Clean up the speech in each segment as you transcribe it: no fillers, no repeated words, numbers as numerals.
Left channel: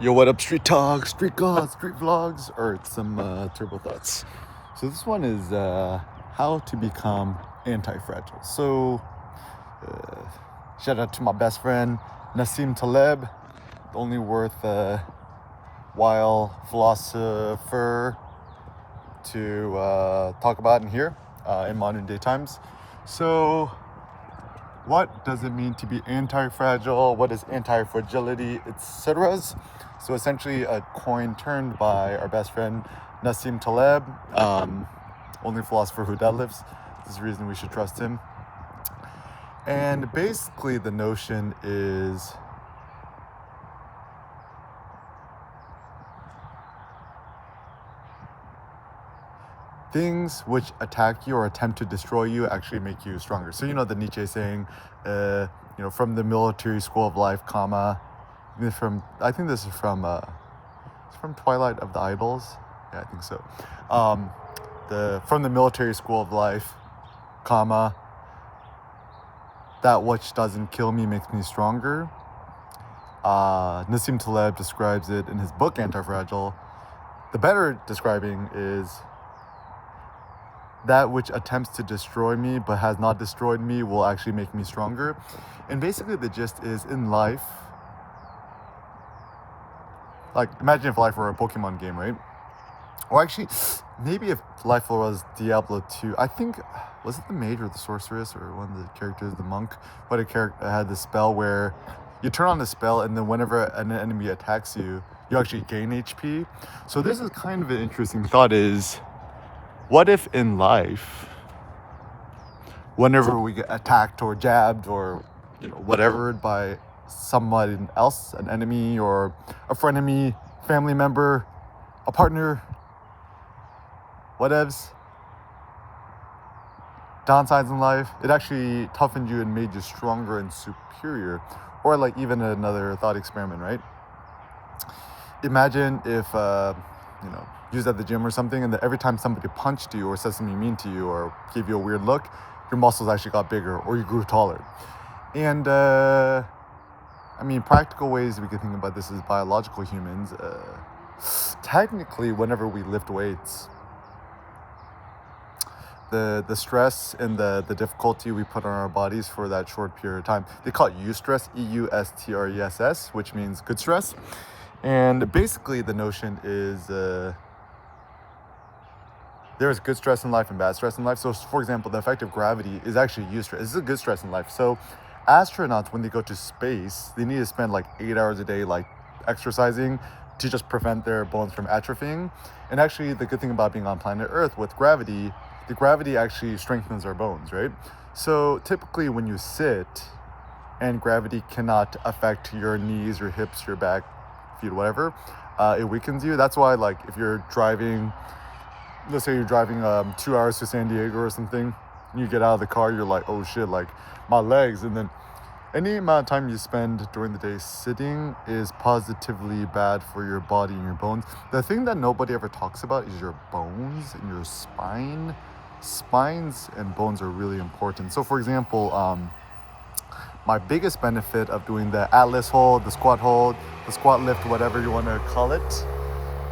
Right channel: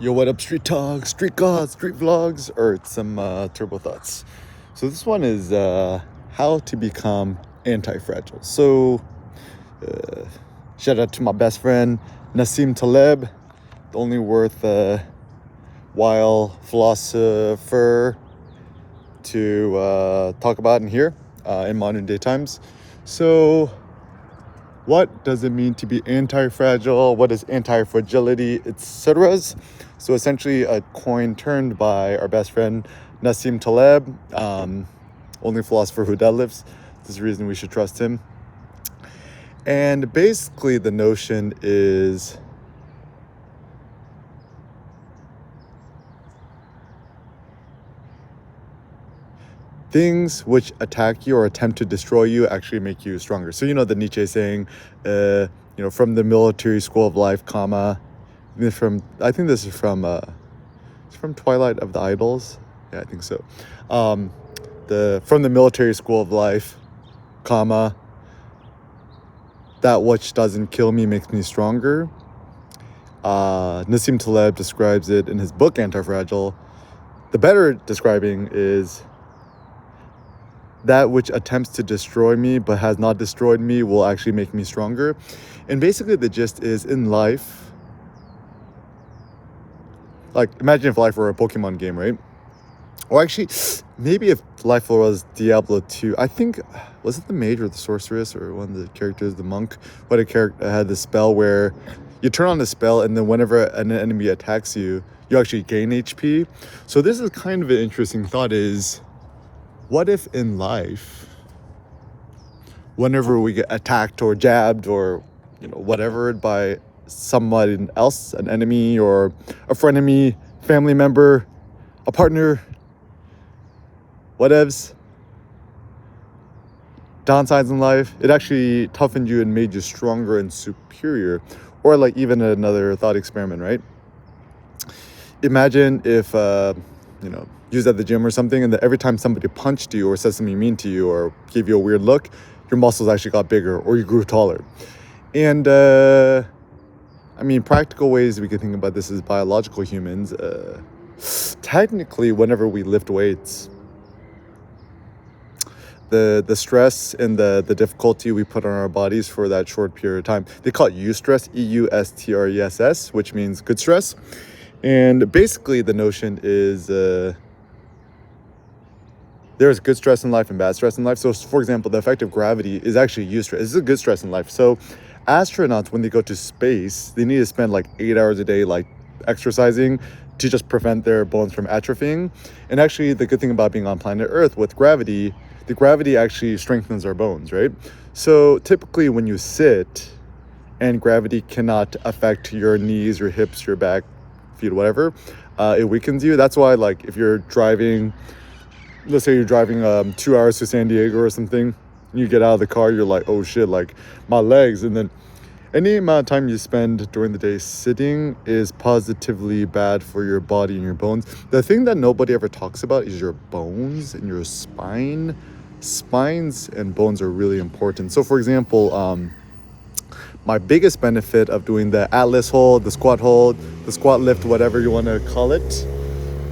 Yo, what up, street talk, street gods, street vlogs, or some turbo thoughts. So this one is how to become anti-fragile. So shout out to my best friend Nassim Taleb, the only worthwhile philosopher to talk about in here in modern day times. So what does it mean to be anti-fragile? What is anti-fragility, etc.? So essentially a coin turned by our best friend Nassim Taleb, only philosopher who deadlifts. This is the reason we should trust him. And basically the notion is things which attack you or attempt to destroy you actually make you stronger. So the Nietzsche saying, from the military school of life, comma, I think this is from Twilight of the Idols. Yeah, I think so. From the military school of life, comma, that which doesn't kill me makes me stronger. Nassim Taleb describes it in his book Antifragile. The better describing is that which attempts to destroy me but has not destroyed me will actually make me stronger. And basically the gist is, in life, like imagine if life were a Pokemon game, right? Or actually, maybe if life was Diablo 2, I think, was it the mage or the sorceress or one of the characters, the monk? What a character had this spell where you turn on the spell and then whenever an enemy attacks you, you actually gain HP. So this is kind of an interesting thought is, what if in life, whenever we get attacked or jabbed or whatever by someone else, an enemy or a frenemy, family member, a partner, whatevs, downsides in life, it actually toughened you and made you stronger and superior. Or like even another thought experiment, right? Imagine if you was at the gym or something, and that every time somebody punched you or said something mean to you or gave you a weird look, your muscles actually got bigger or you grew taller. And practical ways we can think about this as biological humans. Technically, whenever we lift weights, the stress and the difficulty we put on our bodies for that short period of time, they call it eustress, EUSTRESS, which means good stress. And basically the notion is there's good stress in life and bad stress in life. So for example, the effect of gravity is actually eustress. This is a good stress in life. So astronauts, when they go to space, they need to spend like 8 hours a day like exercising to just prevent their bones from atrophying. And actually the good thing about being on planet Earth with gravity, the gravity actually strengthens our bones, right? So typically when you sit and gravity cannot affect your knees, your hips, your back, feet, whatever, it weakens you. That's why, like, if you're driving, let's say you're driving 2 hours to San Diego or something, and you get out of the car, you're like, oh shit, like my legs. And then any amount of time you spend during the day sitting is positively bad for your body and your bones. The thing that nobody ever talks about is your bones and your spine. Spines and bones are really important. So for example, my biggest benefit of doing the Atlas hold, the squat lift, whatever you want to call it,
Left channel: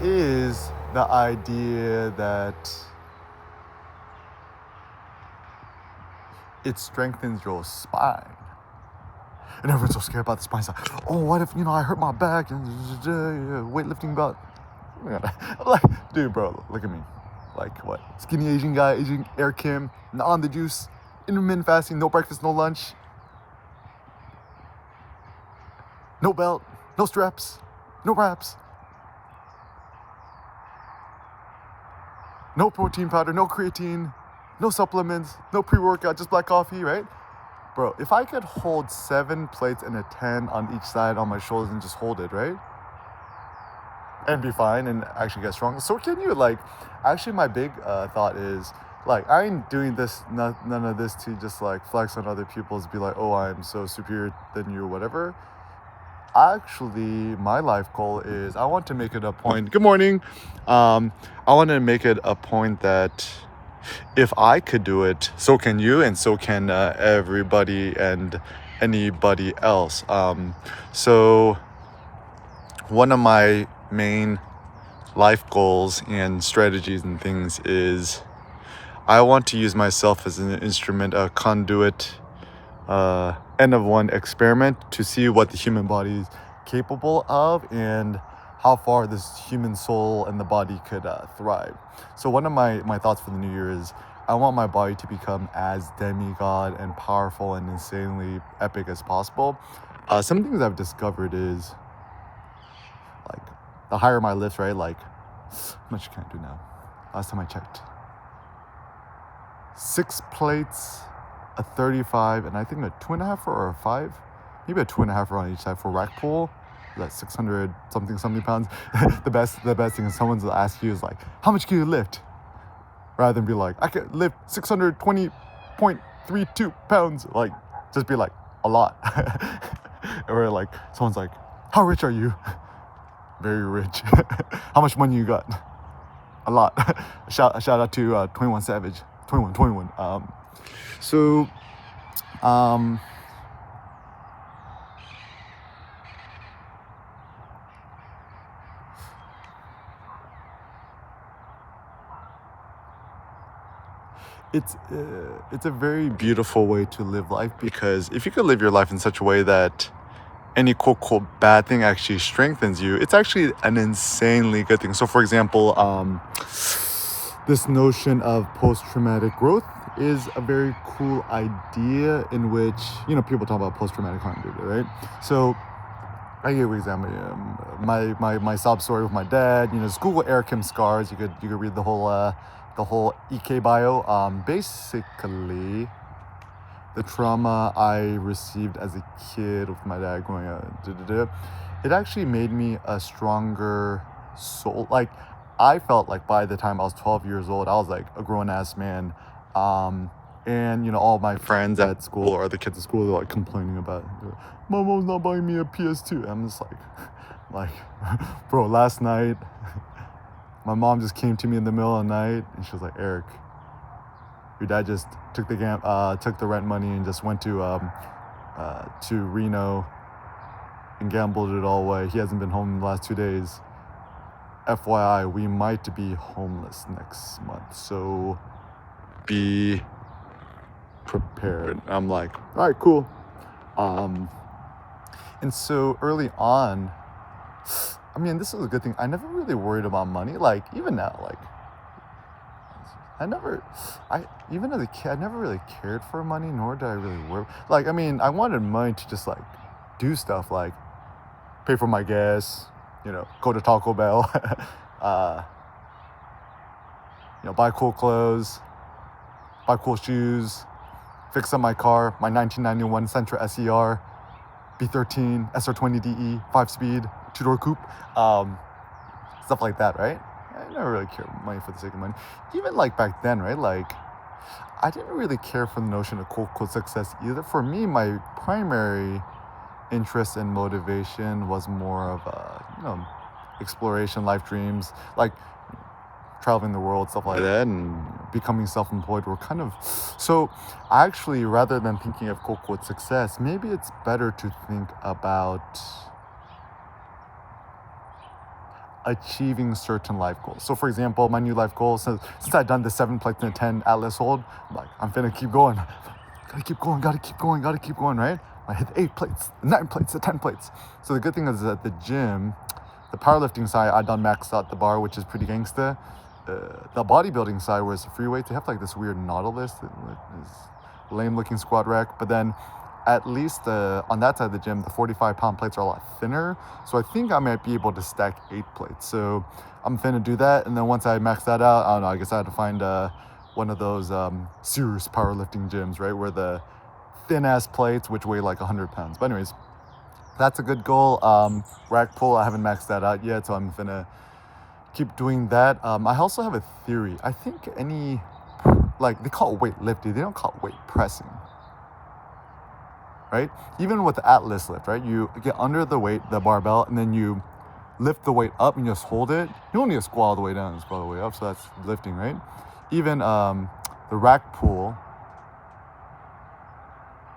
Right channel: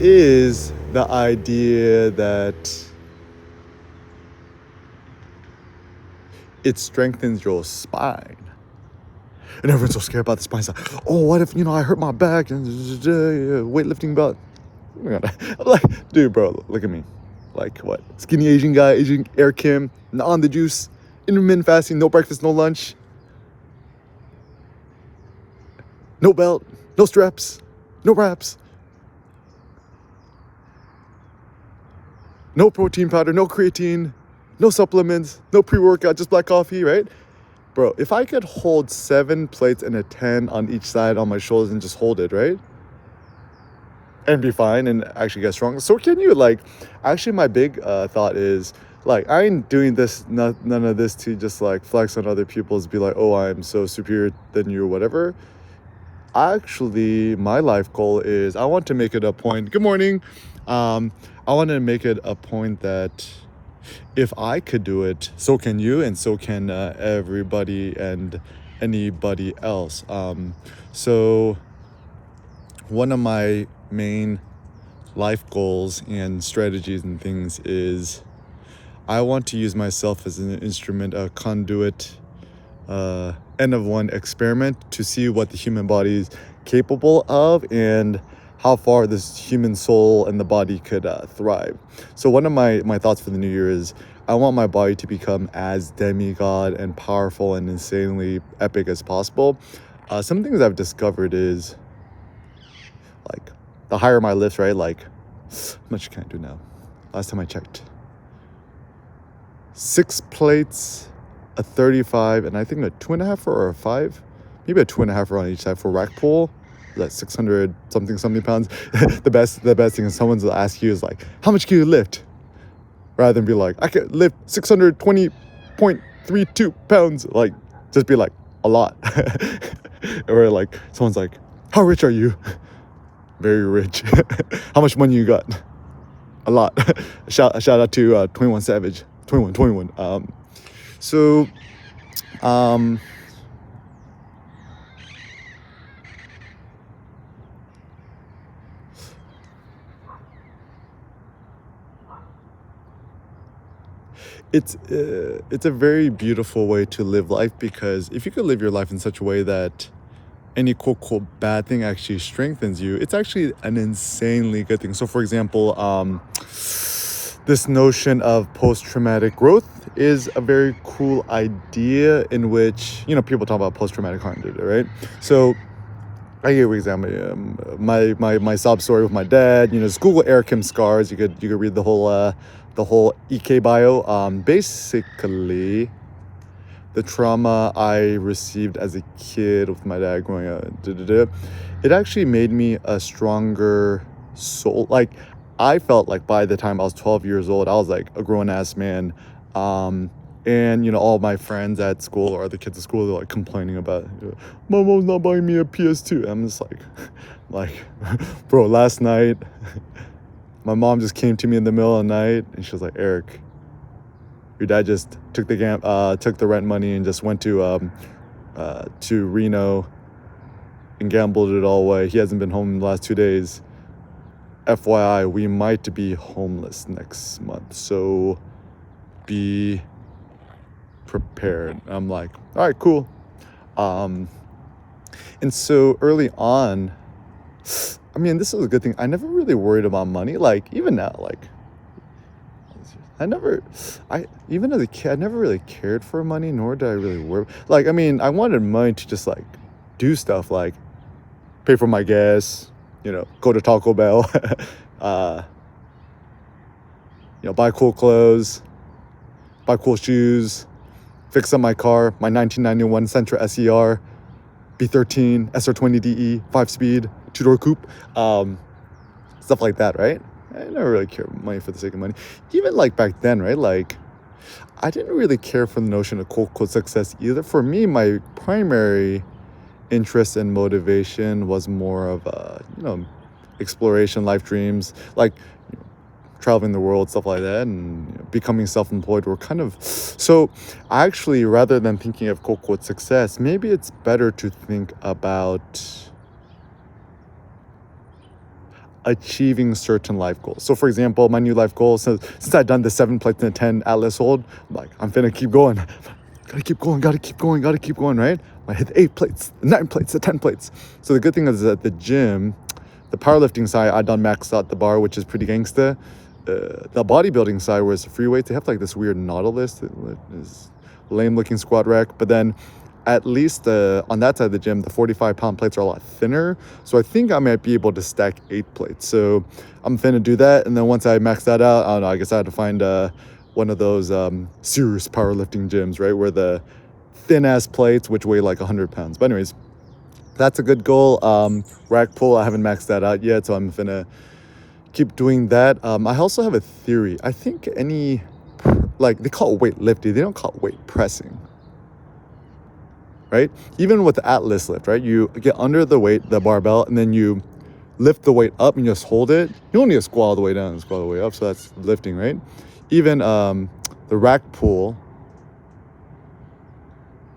is the idea that it strengthens your spine. And everyone's so scared about the spine. It's like, oh, what if, I hurt my back and weightlifting belt. I'm like, dude, bro, look at me. Like what? Skinny Asian guy, Asian Air Kim, on the juice, intermittent fasting, no breakfast, no lunch. No belt, no straps, no wraps, no protein powder, no creatine, no supplements, no pre-workout, just black coffee, right? Bro, if I could hold 7 plates and a 10 on each side on my shoulders and just hold it, right? And be fine and actually get strong. So can you, like, actually my big thought is, like, I ain't doing this, none of this to just like flex on other people's, be like, oh, I'm so superior than you or whatever. Actually, my life goal is I want to make it a point. Good morning. I want to make it a point that if I could do it, so can you, and so can everybody and anybody else. So one of my main life goals and strategies and things is I want to use myself as an instrument, a conduit, end of one experiment to see what the human body is capable of and how far this human soul and the body could thrive. So one of my thoughts for the new year is I want my body to become as demigod and powerful and insanely epic as possible. Some things I've discovered is like the higher my lifts, right? Like how much can I do now? Last time I checked, 6 plates, a 35, and I think a 2.5 or a 5, maybe a 2.5 on each side for rack pull. That's 600 something pounds. the best thing is someone's will ask you is like, how much can you lift? Rather than be like, I can lift 620.32 pounds. Like, just be like, a lot. Or like, someone's like, how rich are you? Very rich. How much money you got? A lot. shout out to 21 Savage. 21. So, it's a very beautiful way to live life, because if you could live your life in such a way that any quote bad thing actually strengthens you, it's actually an insanely good thing. So for example, this notion of post-traumatic growth is a very cool idea in which, people talk about post-traumatic harm data, right? So I give you an example. My sob story with my dad. Just Google Eric Kim scars. You could read the whole EK bio. Basically, the trauma I received as a kid with my dad growing up, it actually made me a stronger soul. Like, I felt like by the time I was 12 years old, I was like a grown-ass man. And all my friends at school or the kids at school, they're like complaining about, my mom's not buying me a PS2. I'm just like, bro, last night, my mom just came to me in the middle of the night and she was like, Eric, your dad just took the rent money and just went to Reno and gambled it all away. He hasn't been home in the last 2 days. FYI, we might be homeless next month, so be prepared. I'm like, all right, cool. And so early on, I mean, this is a good thing. I never really worried about money. Like, even now, like, even as a kid, I never really cared for money, nor did I really work. Like, I mean, I wanted money to just like do stuff like pay for my gas, go to Taco Bell, buy cool clothes, buy cool shoes, fix up my car, my 1991 Sentra SER, B13, SR20DE, 5-speed, 2-door coupe, stuff like that, right? I never really cared money for the sake of money. Even like back then, right? Like, I didn't really care for the notion of quote success either. For me, my primary interest and motivation was more of exploration, life dreams, like traveling the world, stuff like that, and becoming self-employed were kind of. So actually, rather than thinking of quote success, maybe it's better to think about achieving certain life goals. So for example, my new life goal, since I've done the 7 plates and a 10 atlas hold, I'm like, I'm finna keep going. Gotta keep going, right? I hit the 8 plates, the 9 plates, the 10 plates. So the good thing is at the gym, the powerlifting side, I done maxed out the bar, which is pretty gangsta. The bodybuilding side, where it's free weights, they have like this weird Nautilus that is lame looking squat rack. But then at least on that side of the gym, the 45-pound plates are a lot thinner. So I think I might be able to stack 8 plates. So I'm finna do that. And then once I max that out, I don't know, I guess I had to find one of those serious powerlifting gyms, right? Where the thin ass plates, which weigh like 100 pounds. But anyways, that's a good goal. Rack pull, I haven't maxed that out yet. So I'm finna keep doing that. I also have a theory. I think they call it weightlifting. They don't call it weight pressing. Right? Even with the Atlas lift, right? You get under the weight, the barbell, and then you lift the weight up and you just hold it. You don't need to squat all the way down and squat all the way up, so that's lifting, right? Even the rack pull,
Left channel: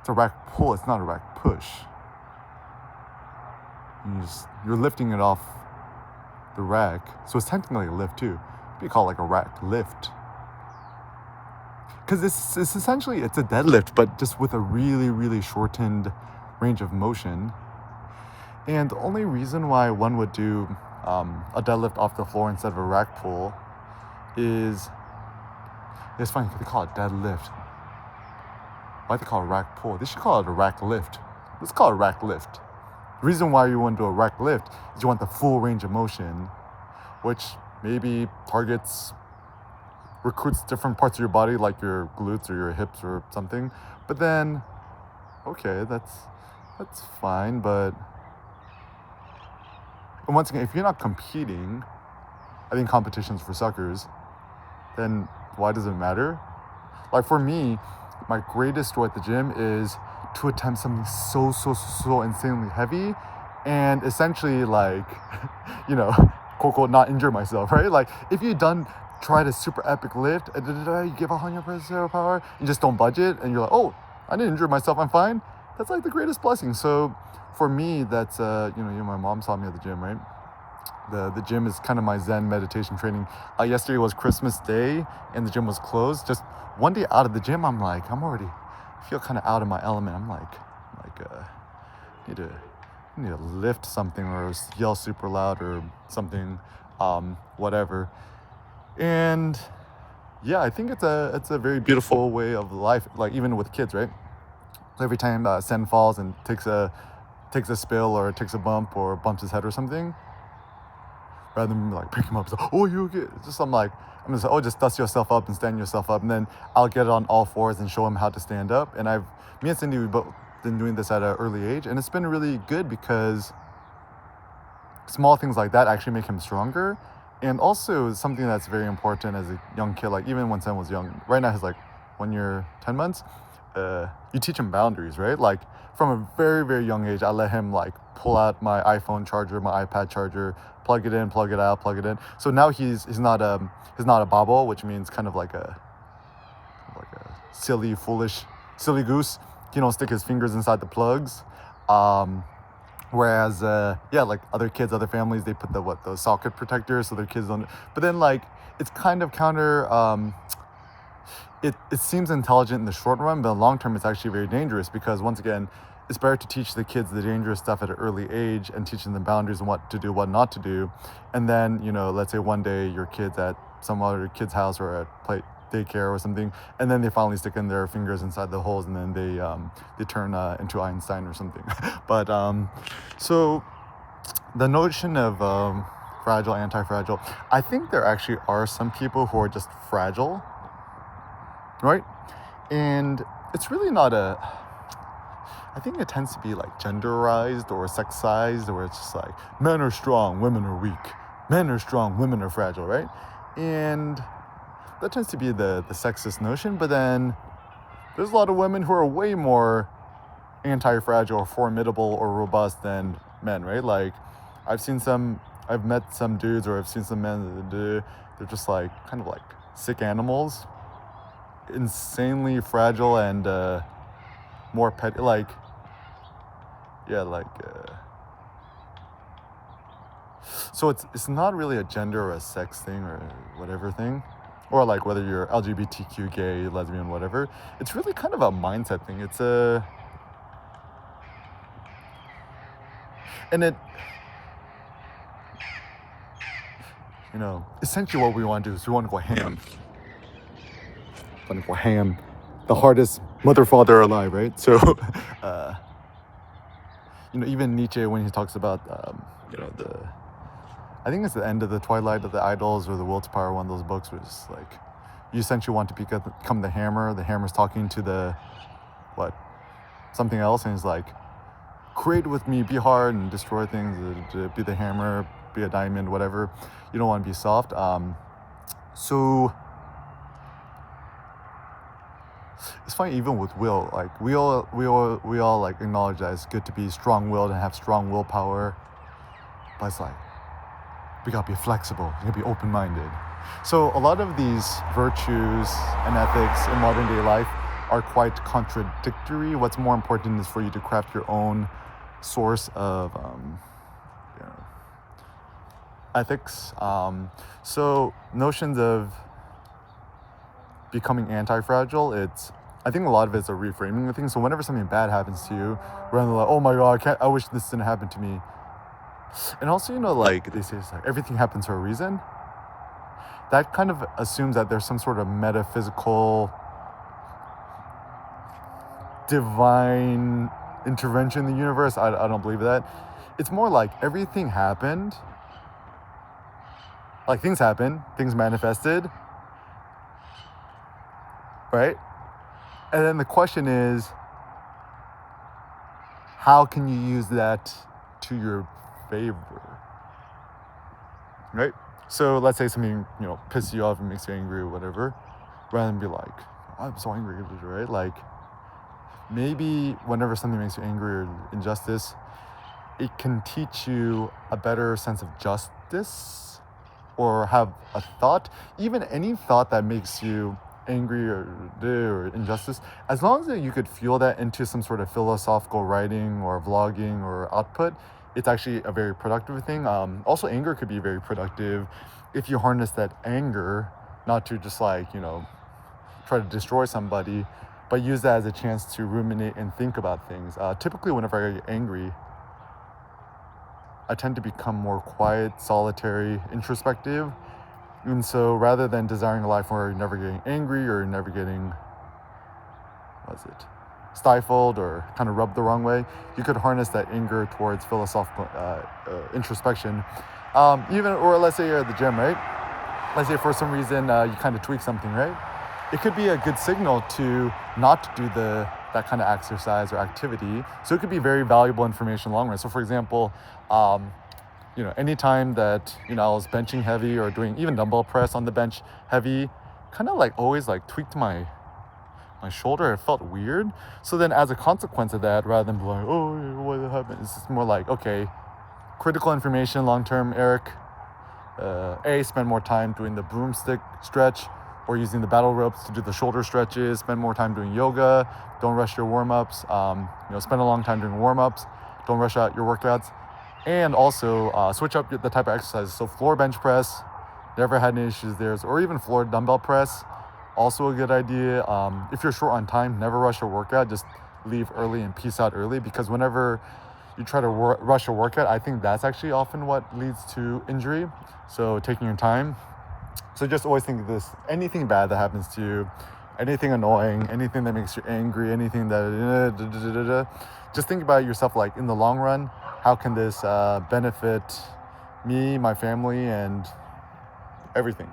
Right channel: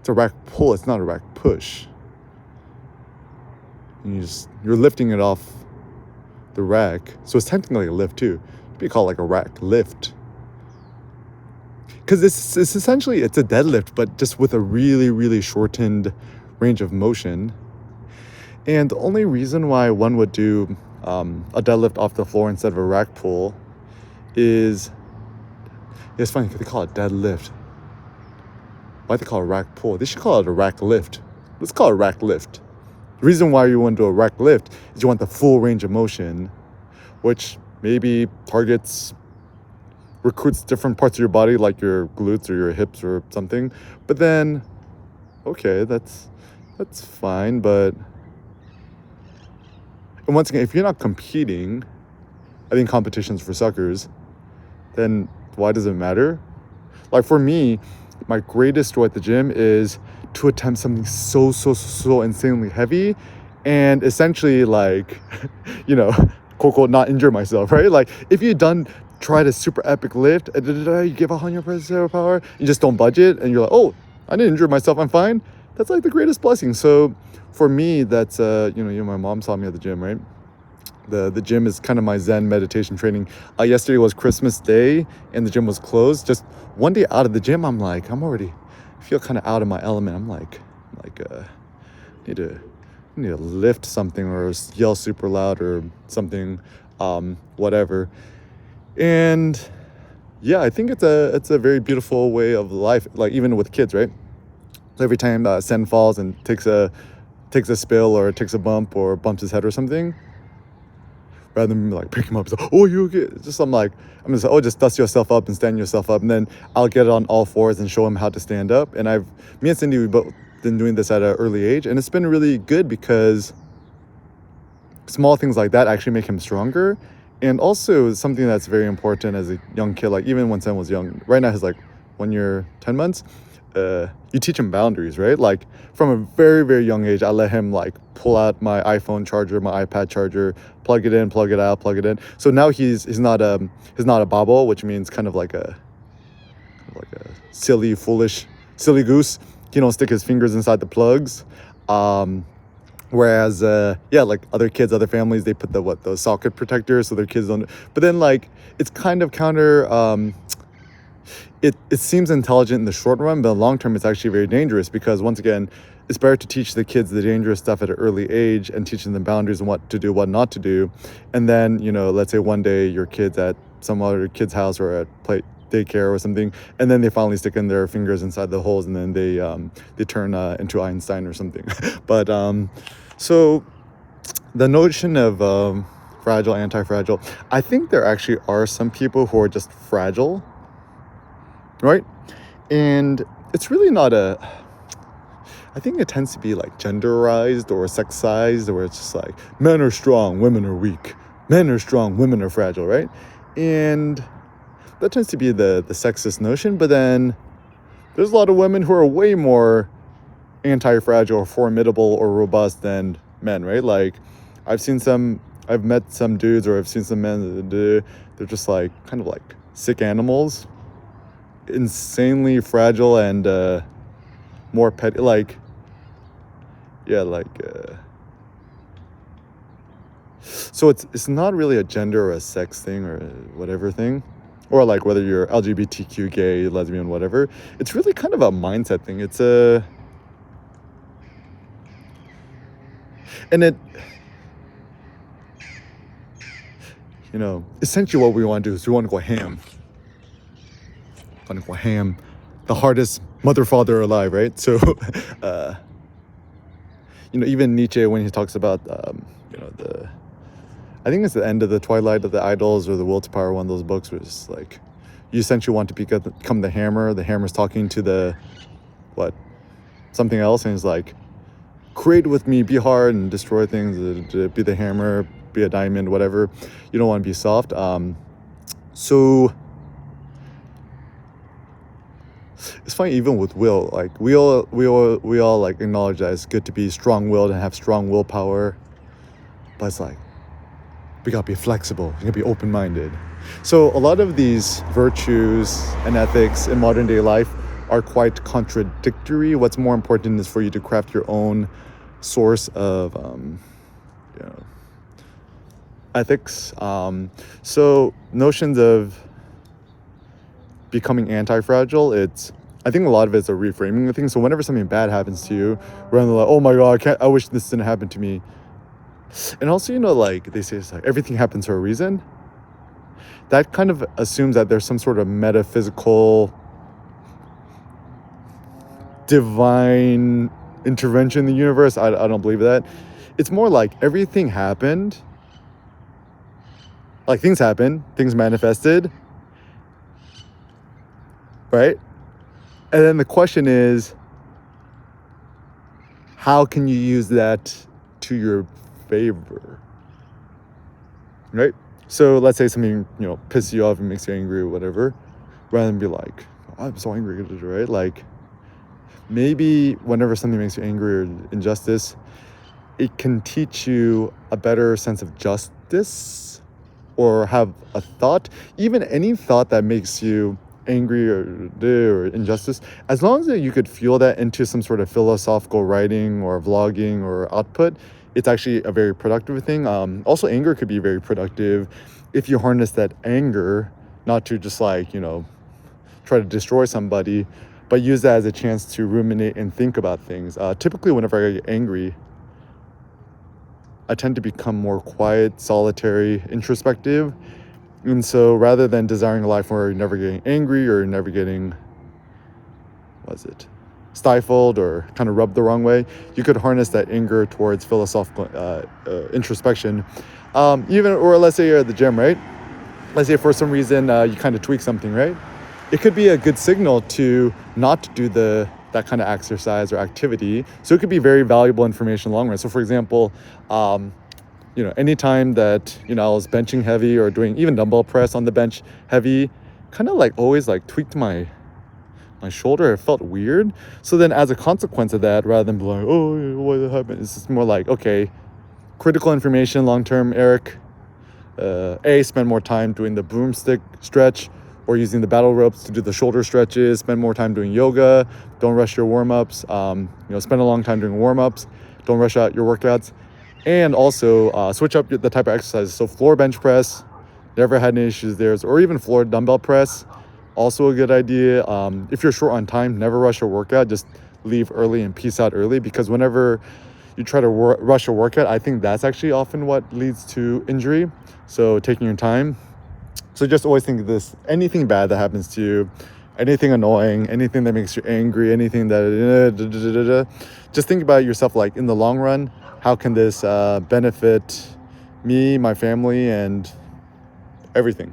it's a rack pull, it's not a rack push. you're lifting it off the rack, so it's technically a lift too. We call it like a rack lift, because it's essentially it's a deadlift, but just with a really, really shortened range of motion. And the only reason why one would do a deadlift off the floor instead of a rack pull is, it's funny, they call it deadlift. Why do they call it rack pull? They should call it a rack lift. Let's call it a rack lift. The reason why you want to do a rack lift is you want the full range of motion, which maybe recruits different parts of your body, like your glutes or your hips or something. But then, okay, that's fine. But, and once again, if you're not competing, I think competition's for suckers, then why does it matter? Like for me, my greatest joy at the gym is to attempt something so insanely heavy and essentially like, quote unquote, not injure myself, right? Like if you've tried a super epic lift, you give 100% power, you just don't budget and you're like, oh, I didn't injure myself, I'm fine. That's like the greatest blessing. So for me, that's, my mom saw me at the gym, right? The gym is kind of my Zen meditation training. Yesterday was Christmas Day and the gym was closed. Just one day out of the gym, I'm already feel kind of out of my element. I'm like, need to lift something or yell super loud or something, whatever. And yeah, I think it's a very beautiful way of life. Like even with kids, right? Every time Sen falls and takes a spill or takes a bump or bumps his head or something, rather than like pick him up and say, oh, you okay? I'm gonna say, oh, just dust yourself up and stand yourself up, and then I'll get on all fours and show him how to stand up. And me and Cindy, we both been doing this at an early age, and it's been really good because small things like that actually make him stronger. And also something that's very important as a young kid, like even when Sen was young, right now he's like 1 year, 10 months, you teach him boundaries, right? Like from a very, very young age, I let him like pull out my iPhone charger, my iPad charger, plug it in, plug it out, plug it in. So now he's not a bobble, which means kind of like a silly, foolish, silly goose. He don't stick his fingers inside the plugs. Whereas, like other kids, other families, they put the socket protectors so their kids don't. But then like it's kind of counter. It seems intelligent in the short run, but in the long term, it's actually very dangerous because once again, it's better to teach the kids the dangerous stuff at an early age and teaching them boundaries and what to do, what not to do. And then, let's say one day your kid's at some other kid's house or at daycare or something, and then they finally stick in their fingers inside the holes and then they turn into Einstein or something. But so the notion of fragile, anti-fragile, I think there actually are some people who are just fragile, right? And it's really not I think it tends to be like genderized or sexized, where it's just like men are strong, women are weak, men are strong, women are fragile, right? And that tends to be the sexist notion. But then there's a lot of women who are way more anti-fragile or formidable or robust than men, right? Like I've met some dudes, or I've seen some men, they're just like kind of like sick animals, insanely fragile and more petty, so it's not really a gender or a sex thing or whatever thing, or like whether you're LGBTQ, gay, lesbian, whatever. It's really kind of a mindset thing. It's essentially what we want to do is we want to go ham. The hardest mother father alive, right? So even Nietzsche, when he talks about I think it's the end of the Twilight of the Idols or the Will to Power, one of those books, was like you essentially want to become the hammer. The hammer's talking to something else, and he's like, create with me, be hard and destroy things, be the hammer, be a diamond, whatever. You don't want to be soft. So it's funny, even with will, like we all like acknowledge that it's good to be strong-willed and have strong willpower, but it's like we gotta be flexible, you gotta be open-minded. So a lot of these virtues and ethics in modern day life are quite contradictory. What's more important is for you to craft your own source of ethics. So notions of becoming anti-fragile, I think a lot of it's a reframing of things. So whenever something bad happens to you, rather than like, oh my god, I wish this didn't happen to me. And also, like they say, it's like everything happens for a reason. That kind of assumes that there's some sort of metaphysical divine intervention in the universe. I don't believe that. It's more like everything happened, like things happened, things manifested, right? And then the question is, how can you use that to your favor, right? So let's say something, pisses you off and makes you angry or whatever, rather than be like, I'm so angry, right? Like, maybe whenever something makes you angry or injustice, it can teach you a better sense of justice, or have a thought, even any thought that makes you angry or injustice, as long as you could feel that into some sort of philosophical writing or vlogging or output, it's actually a very productive thing. Also, anger could be very productive if you harness that anger, not to just like, try to destroy somebody, but use that as a chance to ruminate and think about things. Typically, whenever I get angry, I tend to become more quiet, solitary, introspective. And so rather than desiring a life where you're never getting angry or never getting, stifled or kind of rubbed the wrong way, you could harness that anger towards philosophical introspection. Or let's say you're at the gym, right? Let's say for some reason you kind of tweak something, right? It could be a good signal to not do that kind of exercise or activity. So it could be very valuable information long run. So for example, anytime that, I was benching heavy or doing even dumbbell press on the bench heavy, kind of like always like tweaked my shoulder. It felt weird. So then as a consequence of that, rather than be like, oh, what happened? It's just more like, okay, critical information long-term, Eric. Spend more time doing the broomstick stretch or using the battle ropes to do the shoulder stretches. Spend more time doing yoga. Don't rush your warm-ups. Spend a long time doing warm-ups. Don't rush out your workouts. And also switch up the type of exercises. So floor bench press, never had any issues there. Or even floor dumbbell press, also a good idea. If you're short on time, never rush your workout. Just leave early and peace out early, because whenever you try to rush a workout, I think that's actually often what leads to injury. So taking your time. So just always think of this: anything bad that happens to you, anything annoying, anything that makes you angry, anything that just think about yourself like, in the long run, how can this benefit me, my family, and everything?